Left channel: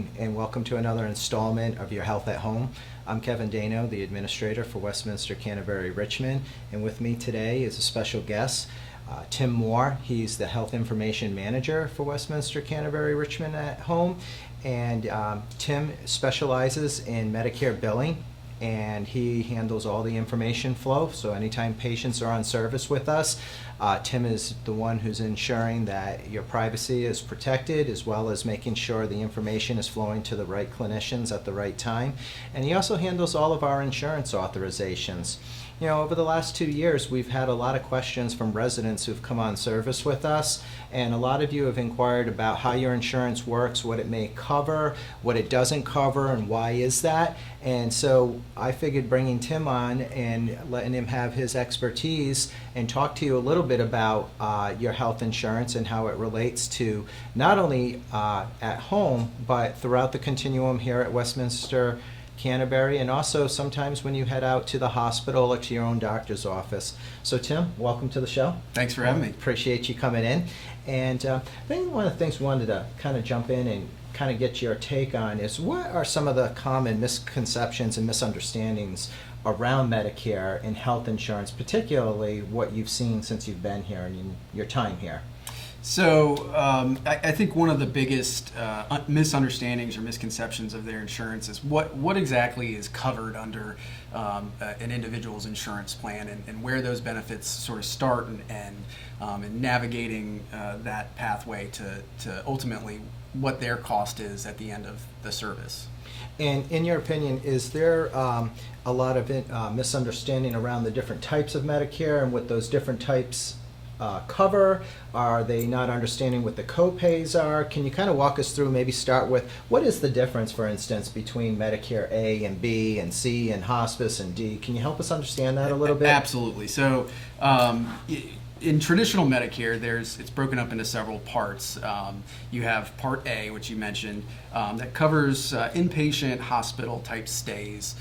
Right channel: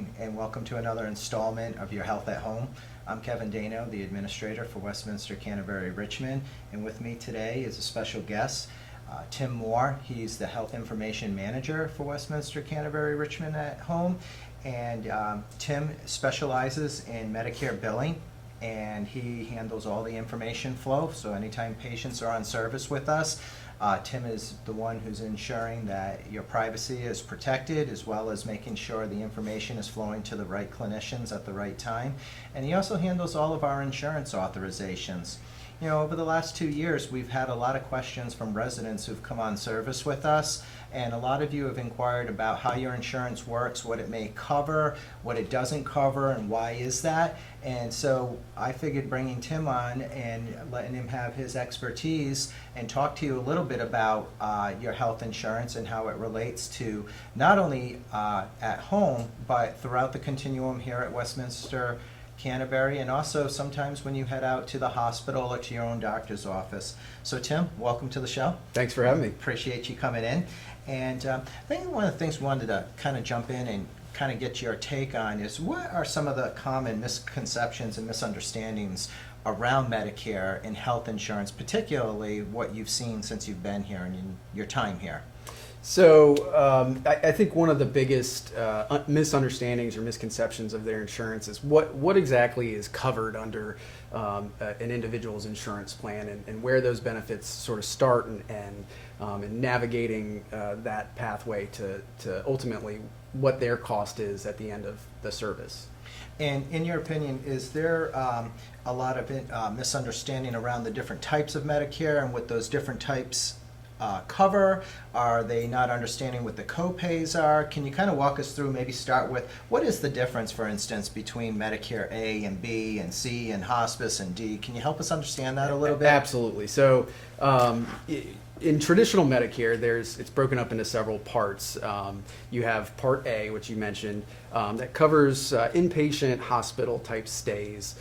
morning, and welcome to another installment of Your Health at Home. I'm Kevin Dano, the administrator for Westminster Canterbury Richmond, and with me today is a special guest, Tim Moore. He's the Health Information Manager for Westminster Canterbury Richmond at Home, and Tim specializes in Medicare billing, and he handles all the information flow. So anytime patients are on service with us, Tim is the one who's ensuring that your privacy is protected, as well as making sure the information is flowing to the right clinicians at the right time. And he also handles all of our insurance authorizations. You know, over the last 2 years, we've had a lot of questions from residents who've come on service with us, and a lot of you have inquired about how your insurance works, what it may cover, what it doesn't cover, and why is that. And so I figured bringing Tim on and letting him have his expertise and talk to you a little bit about your health insurance and how it relates to not only at home, but throughout the continuum here at Westminster Canterbury, and also sometimes when you head out to the hospital or to your own doctor's office. So Tim, welcome to the show. Thanks for having me. Appreciate you coming in. And I think one of the things we wanted to kind of jump in and kind of get your take on is, what are some of the common misconceptions and misunderstandings around Medicare and health insurance, particularly what you've seen since you've been here and in your time here? So I think one of the biggest misunderstandings or misconceptions of their insurance is what exactly is covered under an individual's insurance plan, and where those benefits sort of start, and navigating that pathway to ultimately what their cost is at the end of the service. And in your opinion, is there a lot of misunderstanding around the different types of Medicare and what those different types cover? Are they not understanding what the co-pays are? Can you kind of walk us through, maybe start with, what is the difference, for instance, between Medicare A and B and C and hospice and D? Can you help us understand that a little bit? Absolutely. So in traditional Medicare, it's broken up into several parts. You have Part A, which you mentioned, that covers inpatient hospital type stays.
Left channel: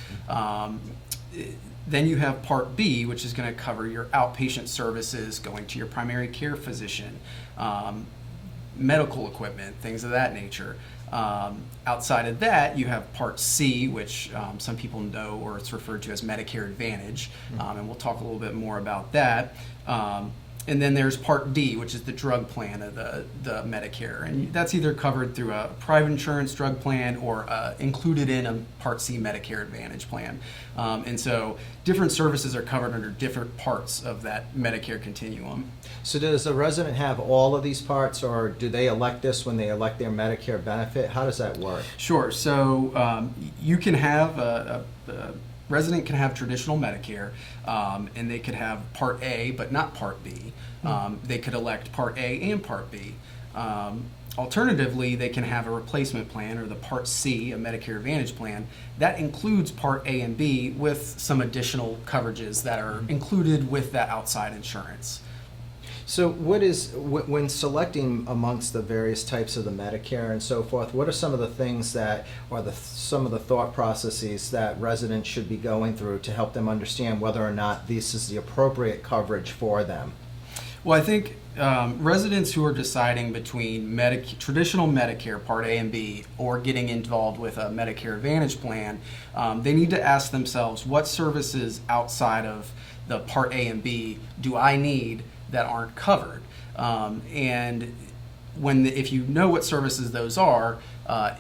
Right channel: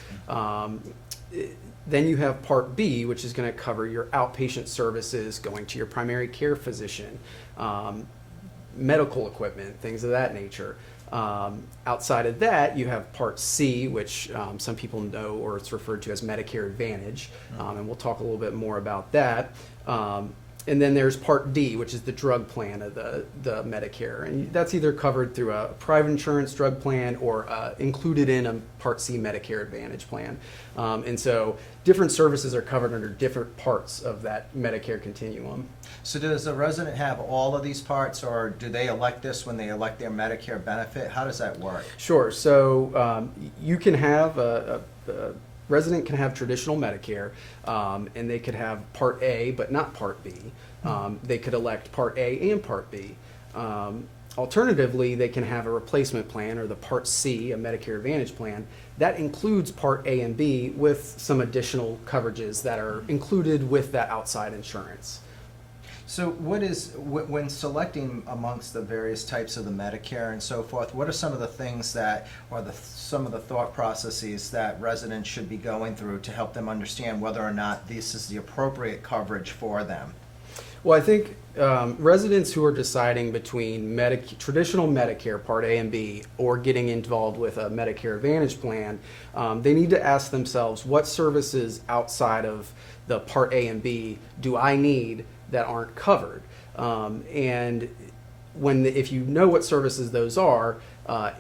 Then you have Part B, which is going to cover your outpatient services, going to your primary care physician, medical equipment, things of that nature. Outside of that, you have Part C, which some people know, or it's referred to as Medicare Advantage, and we'll talk a little bit more about that. And then there's Part D, which is the drug plan of the Medicare. And that's either covered through a private insurance drug plan or included in a Part C Medicare Advantage plan. And so different services are covered under different parts of that Medicare continuum. So does a resident have all of these parts, or do they elect this when they elect their Medicare benefit? How does that work? Sure. So you can have a resident can have traditional Medicare, and they could have Part A but not Part B. They could elect Part A and Part B. Alternatively, they can have a replacement plan, or the Part C, a Medicare Advantage plan. That includes Part A and B with some additional coverages that are included with that outside insurance. So when selecting amongst the various types of the Medicare and so forth, what are some of the things that, or some of the thought processes that residents should be going through to help them understand whether or not this is the appropriate coverage for them? Well, I think residents who are deciding between traditional Medicare Part A and B, or getting involved with a Medicare Advantage plan, they need to ask themselves, what services outside of the Part A and B do I need that aren't covered? And if you know what services those are,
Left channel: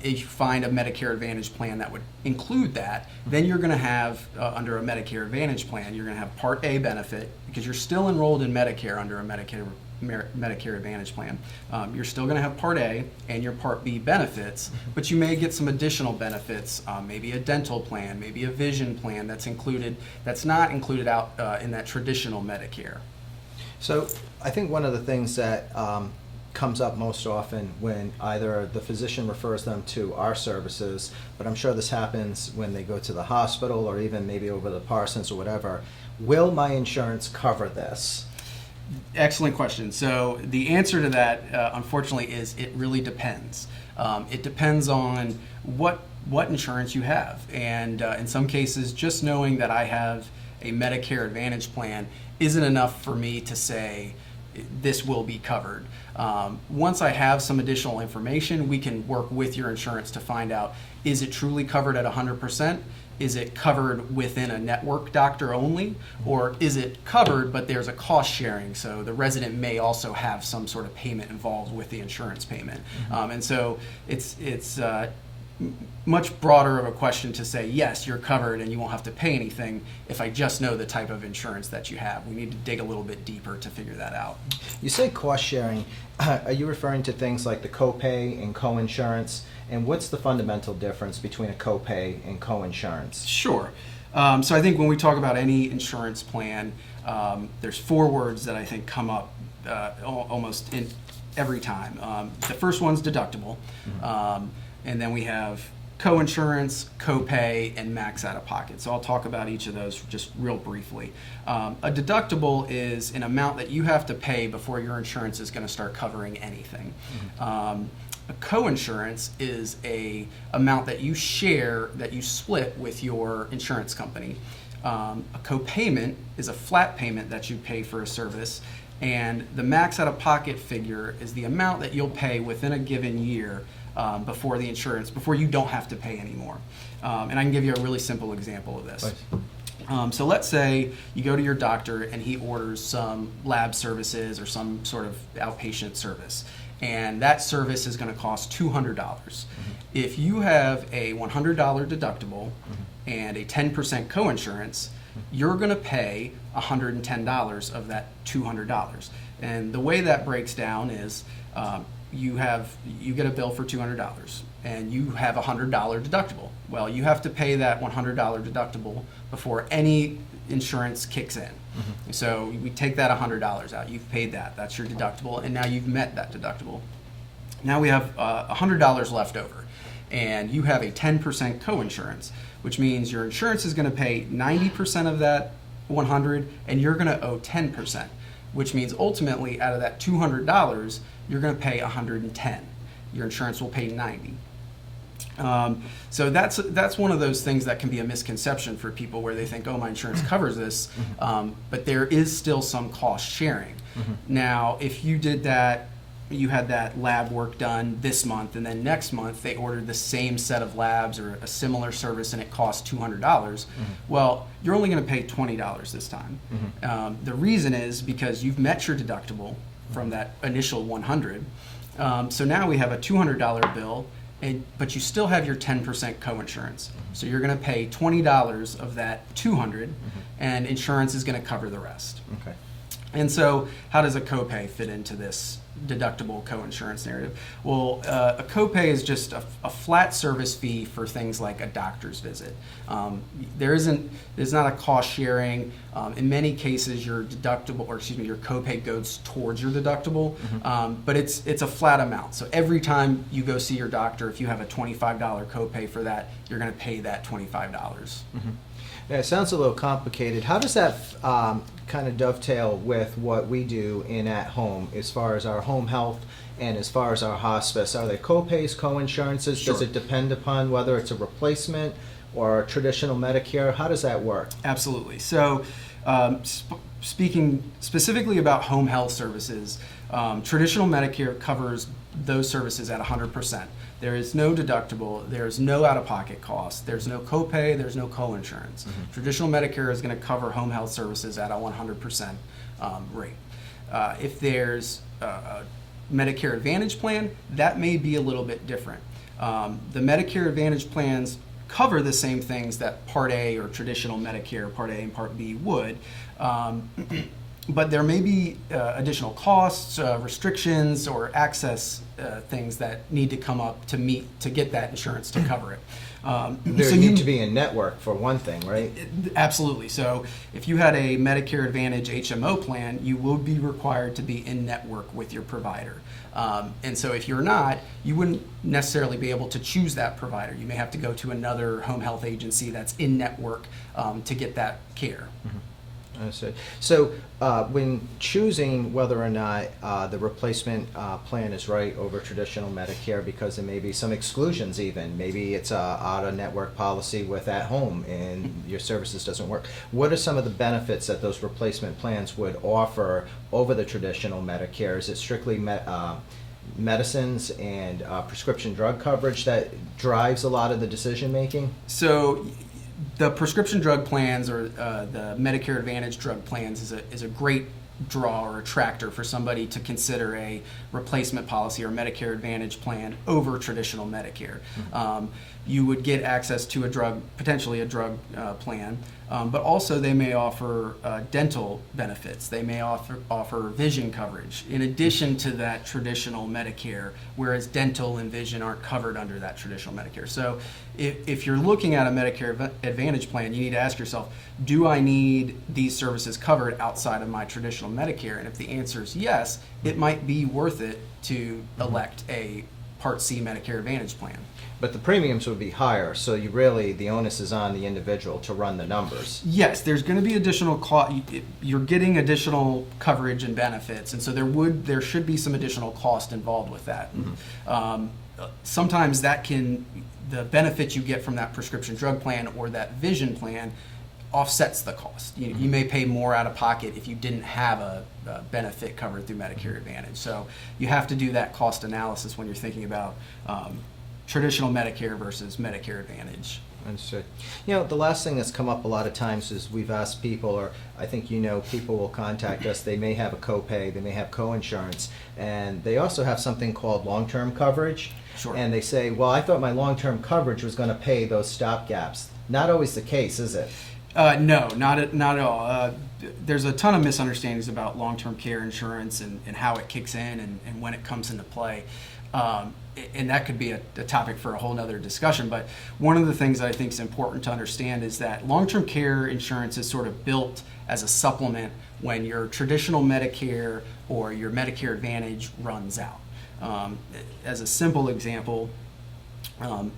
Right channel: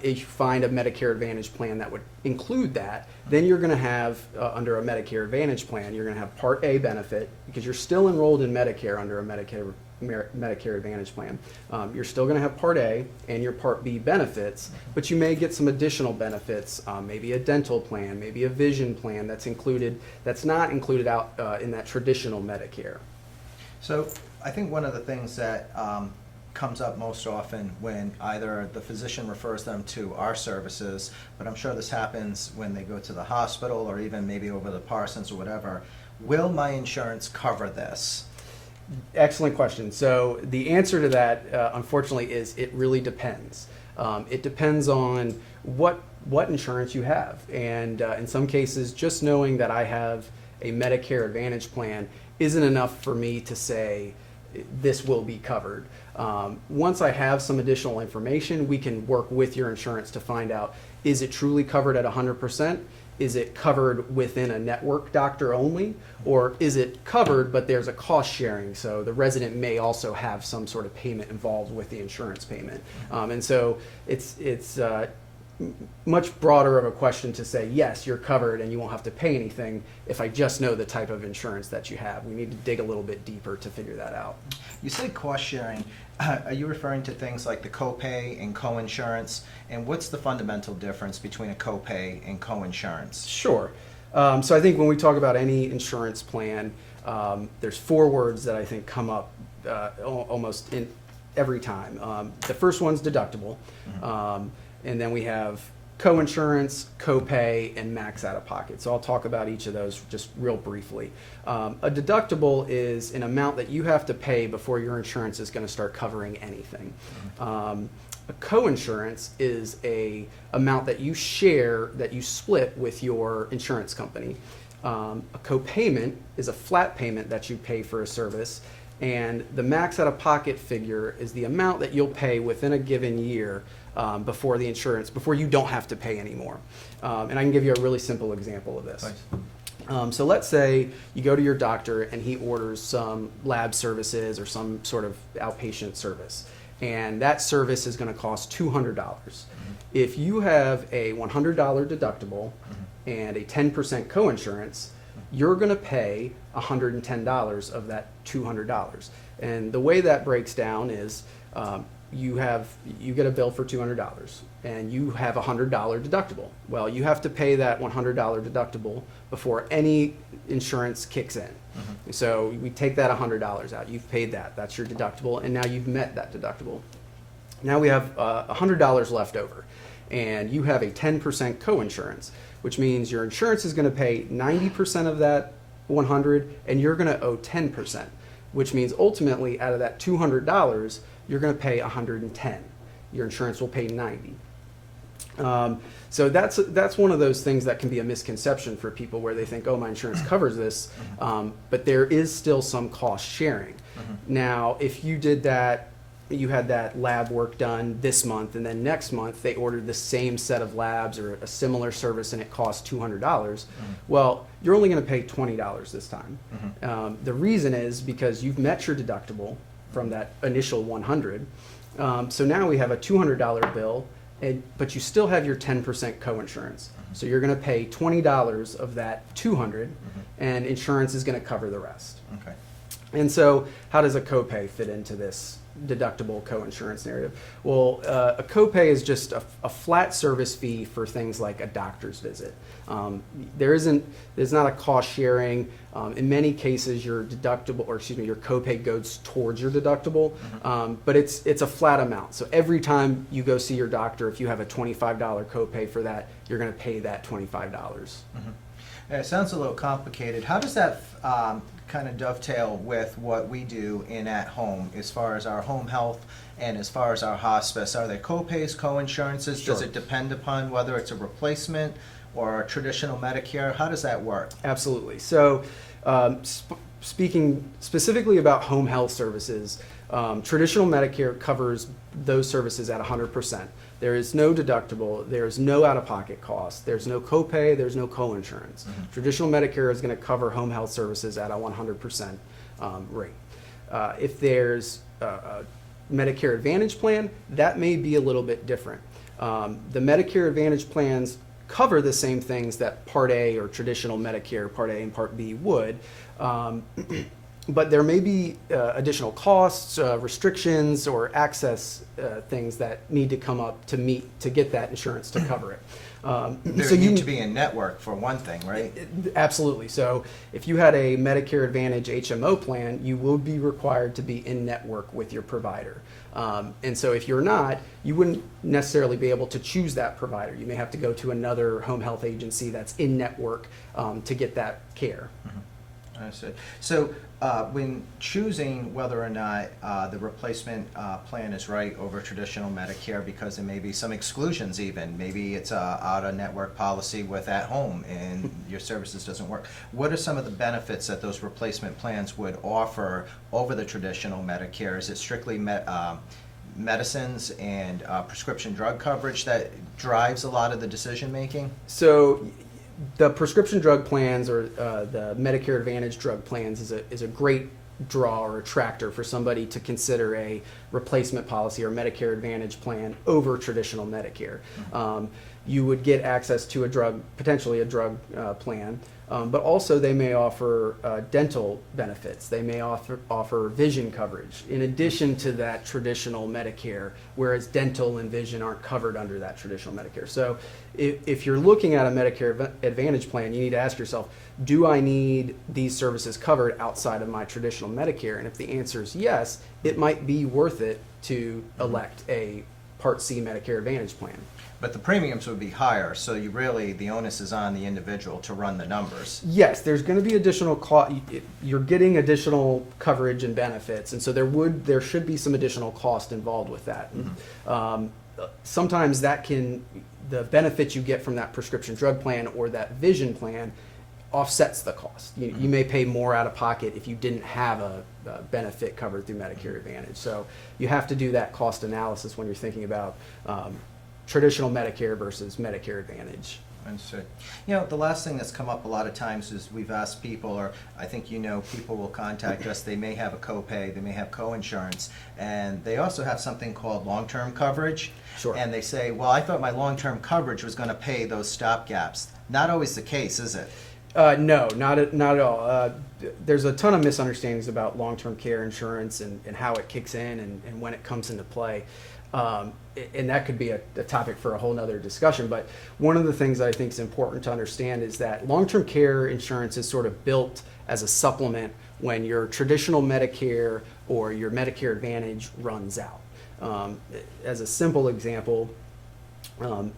if you find a Medicare Advantage plan that would include that, then you're going to have, under a Medicare Advantage plan, you're going to have Part A benefit, because you're still enrolled in Medicare under a Medicare Advantage plan. You're still going to have Part A and your Part B benefits, but you may get some additional benefits, maybe a dental plan, maybe a vision plan that's not included out in that traditional Medicare. So I think one of the things that comes up most often when either the physician refers them to our services, but I'm sure this happens when they go to the hospital or even maybe over the Parsons or whatever, will my insurance cover this? Excellent question. So the answer to that, unfortunately, is it really depends. It depends on what insurance you have. And in some cases, just knowing that I have a Medicare Advantage plan isn't enough for me to say this will be covered. Once I have some additional information, we can work with your insurance to find out, is it truly covered at 100%? Is it covered within a network doctor only? Or is it covered, but there's a cost sharing? So the resident may also have some sort of payment involved with the insurance payment. And so it's much broader of a question to say, yes, you're covered and you won't have to pay anything if I just know the type of insurance that you have. We need to dig a little bit deeper to figure that out. You say cost sharing. Are you referring to things like the copay and coinsurance? And what's the fundamental difference between a copay and coinsurance? Sure. So I think when we talk about any insurance plan, there's 4 words that I think come up almost in every time. The first one's deductible. And then we have coinsurance, copay, and max out-of-pocket. So I'll talk about each of those just real briefly. A deductible is an amount that you have to pay before your insurance is going to start covering anything. A coinsurance is a amount that you share, that you split with your insurance company. A copayment is a flat payment that you pay for a service, and the max out-of-pocket figure is the amount that you'll pay within a given year before you don't have to pay anymore. And I can give you a really simple example of this. Nice. So let's say you go to your doctor and he orders some lab services or some sort of outpatient service, and that service is going to cost $200. If you have a $100 deductible and a 10% coinsurance, you're going to pay $110 of that $200. And the way that breaks down is you get a bill for $200 and you have a $100 deductible. Well, you have to pay that $100 deductible before any insurance kicks in. So we take that $100 out. You've paid that. That's your deductible, and now you've met that deductible. Now we have $100 left over, and you have a 10% coinsurance, which means your insurance is going to pay 90% of that 100, and you're going to owe 10%, which means ultimately out of that $200, you're going to pay 110. Your insurance will pay 90. So that's one of those things that can be a misconception for people, where they think, oh, my insurance covers this, but there is still some cost sharing. Now, if you did that, you had that lab work done this month, and then next month they ordered the same set of labs or a similar service and it costs $200, well, you're only going to pay $20 this time. The reason is because you've met your deductible from that initial 100. So now we have a $200 bill, but you still have your 10% coinsurance. So you're going to pay $20 of that 200, and insurance is going to cover the rest. Okay. And so how does a copay fit into this deductible coinsurance narrative? Well, a copay is just a flat service fee for things like a doctor's visit. There's not a cost sharing. In many cases, your copay goes towards your deductible, but it's a flat amount. So every time you go see your doctor, if you have a $25 copay for that, you're going to pay that $25. Yeah, it sounds a little complicated. How does that kind of dovetail with what we do in at home as far as our home health and as far as our hospice? Are there co-pays, co-insurances? Sure. Does it depend upon whether it's a replacement or a traditional Medicare? How does that work? Absolutely. So speaking specifically about home health services, traditional Medicare covers those services at 100%. There is no deductible, there's no out-of-pocket cost, there's no copay, there's no co-insurance. Traditional Medicare is going to cover home health services at a 100% rate. If there's a Medicare Advantage plan, that may be a little bit different. The Medicare Advantage plans cover the same things that Part A or traditional Medicare, Part A and Part B would, but there may be additional costs, restrictions, or access things that need to come up to get that insurance to cover it. There need to be a network for one thing, right? Absolutely. So if you had a Medicare Advantage HMO plan, you will be required to be in network with your provider. And so if you're not, you wouldn't necessarily be able to choose that provider. You may have to go to another home health agency that's in network to get that care. Understood. So when choosing whether or not the replacement plan is right over traditional Medicare, because there may be some exclusions even, maybe it's a out-of-network policy with at home and your services doesn't work. What are some of the benefits that those replacement plans would offer over the traditional Medicare? Is it strictly medicines and prescription drug coverage that drives a lot of the decision making? So the prescription drug plans or the Medicare Advantage drug plans is a great draw or attractor for somebody to consider a replacement policy or Medicare Advantage plan over traditional Medicare. You would get access to potentially a drug plan, but also they may offer dental benefits. They may offer vision coverage in addition to that traditional Medicare, whereas dental and vision aren't covered under that traditional Medicare. So if you're looking at a Medicare Advantage plan, you need to ask yourself, do I need these services covered outside of my traditional Medicare? And if the answer is yes, it might be worth it to elect a Part C Medicare Advantage plan. But the premiums would be higher, so the onus is on the individual to run the numbers. Yes, there's going to be additional cost. You're getting additional coverage and benefits, and so there should be some additional cost involved with that. Sometimes the benefits you get from that prescription drug plan or that vision plan offsets the cost. You may pay more out of pocket if you didn't have a benefit covered through Medicare Advantage. So you have to do that cost analysis when you're thinking about traditional Medicare versus Medicare Advantage. Understood. The last thing that's come up a lot of times is we've asked people, or I think people will contact us, they may have a copay, they may have co-insurance, and they also have something called long-term coverage. Sure. And they say, well, I thought my long-term coverage was going to pay those stopgaps. Not always the case, is it? No, not at all. There's a ton of misunderstandings about long-term care insurance and how it kicks in and when it comes into play. And that could be a topic for a whole nother discussion. But one of the things I think is important to understand is that long-term care insurance is sort of built as a supplement when your traditional Medicare or your Medicare Advantage runs out. As a simple example,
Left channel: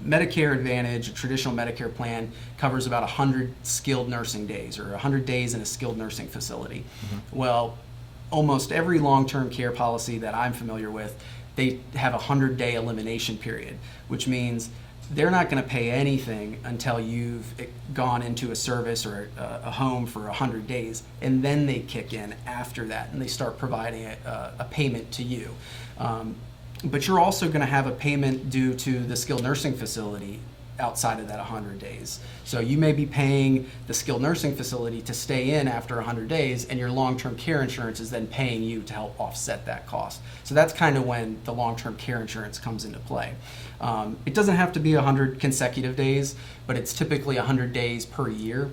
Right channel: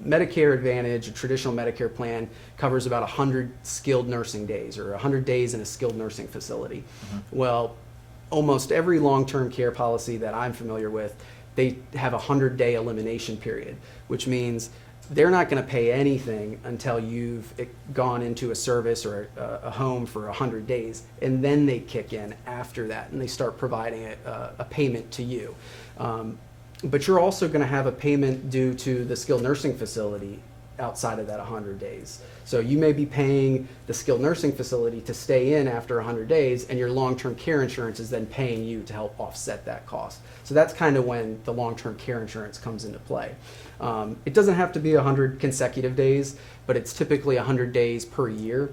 Medicare Advantage, a traditional Medicare plan, covers about 100 skilled nursing days or 100 days in a skilled nursing facility. Well, almost every long-term care policy that I'm familiar with, they have a 100-day elimination period, which means they're not going to pay anything until you've gone into a service or a home for 100 days, and then they kick in after that, and they start providing a payment to you. But you're also going to have a payment due to the skilled nursing facility outside of that 100 days. So you may be paying the skilled nursing facility to stay in after 100 days, and your long-term care insurance is then paying you to help offset that cost. So that's kind of when the long-term care insurance comes into play. It doesn't have to be 100 consecutive days, but it's typically 100 days per year.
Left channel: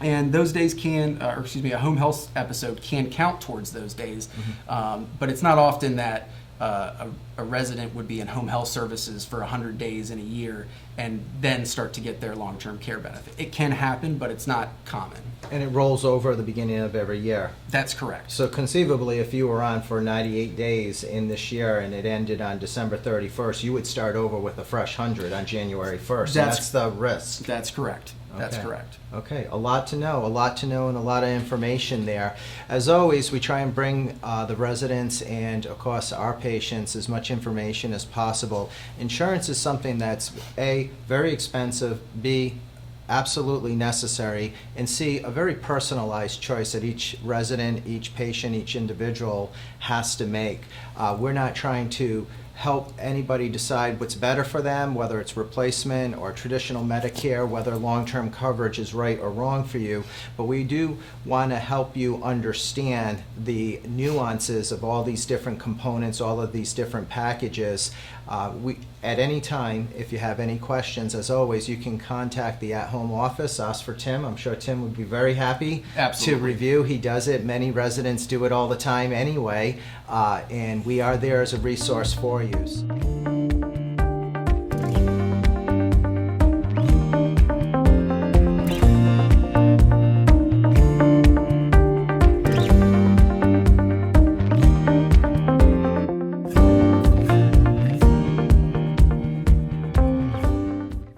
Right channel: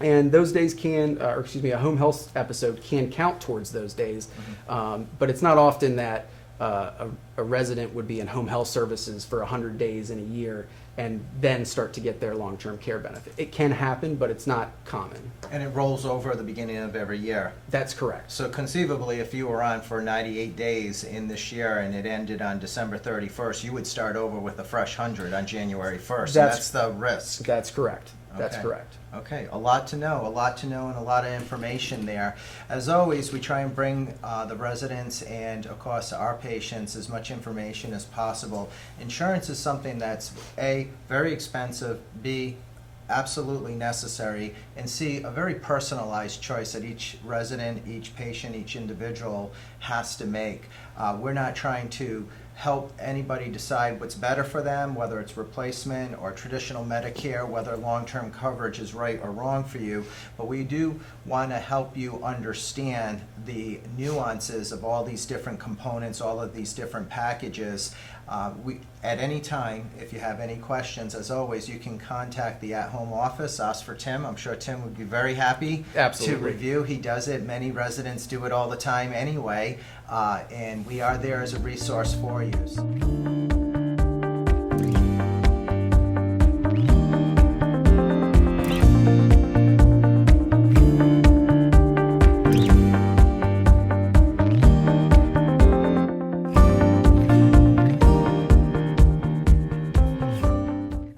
And those days a home health episode can count towards those days, but it's not often that a resident would be in home health services for 100 days in a year and then start to get their long-term care benefit. It can happen, but it's not common. And it rolls over at the beginning of every year. That's correct. So conceivably, if you were on for 98 days in this year and it ended on December 31st, you would start over with a fresh 100 on January 1st. That's the risk. That's correct. That's Okay. correct. Okay, a lot to know, and a lot of information there. As always, we try and bring the residents and, of course, our patients as much information as possible. Insurance is something that's A, very expensive, B, absolutely necessary, and C, a very personalized choice that each resident, each patient, each individual has to make. We're not trying to help anybody decide what's better for them, whether it's replacement or traditional Medicare, whether long-term coverage is right or wrong for you. But we do want to help you understand the nuances of all these different components, all of these different packages. At any time, if you have any questions, as always, you can contact the at-home office, ask for Tim. I'm sure Tim would be very happy Absolutely. to review. He does it. Many residents do it all the time anyway. And we are there as a resource for you.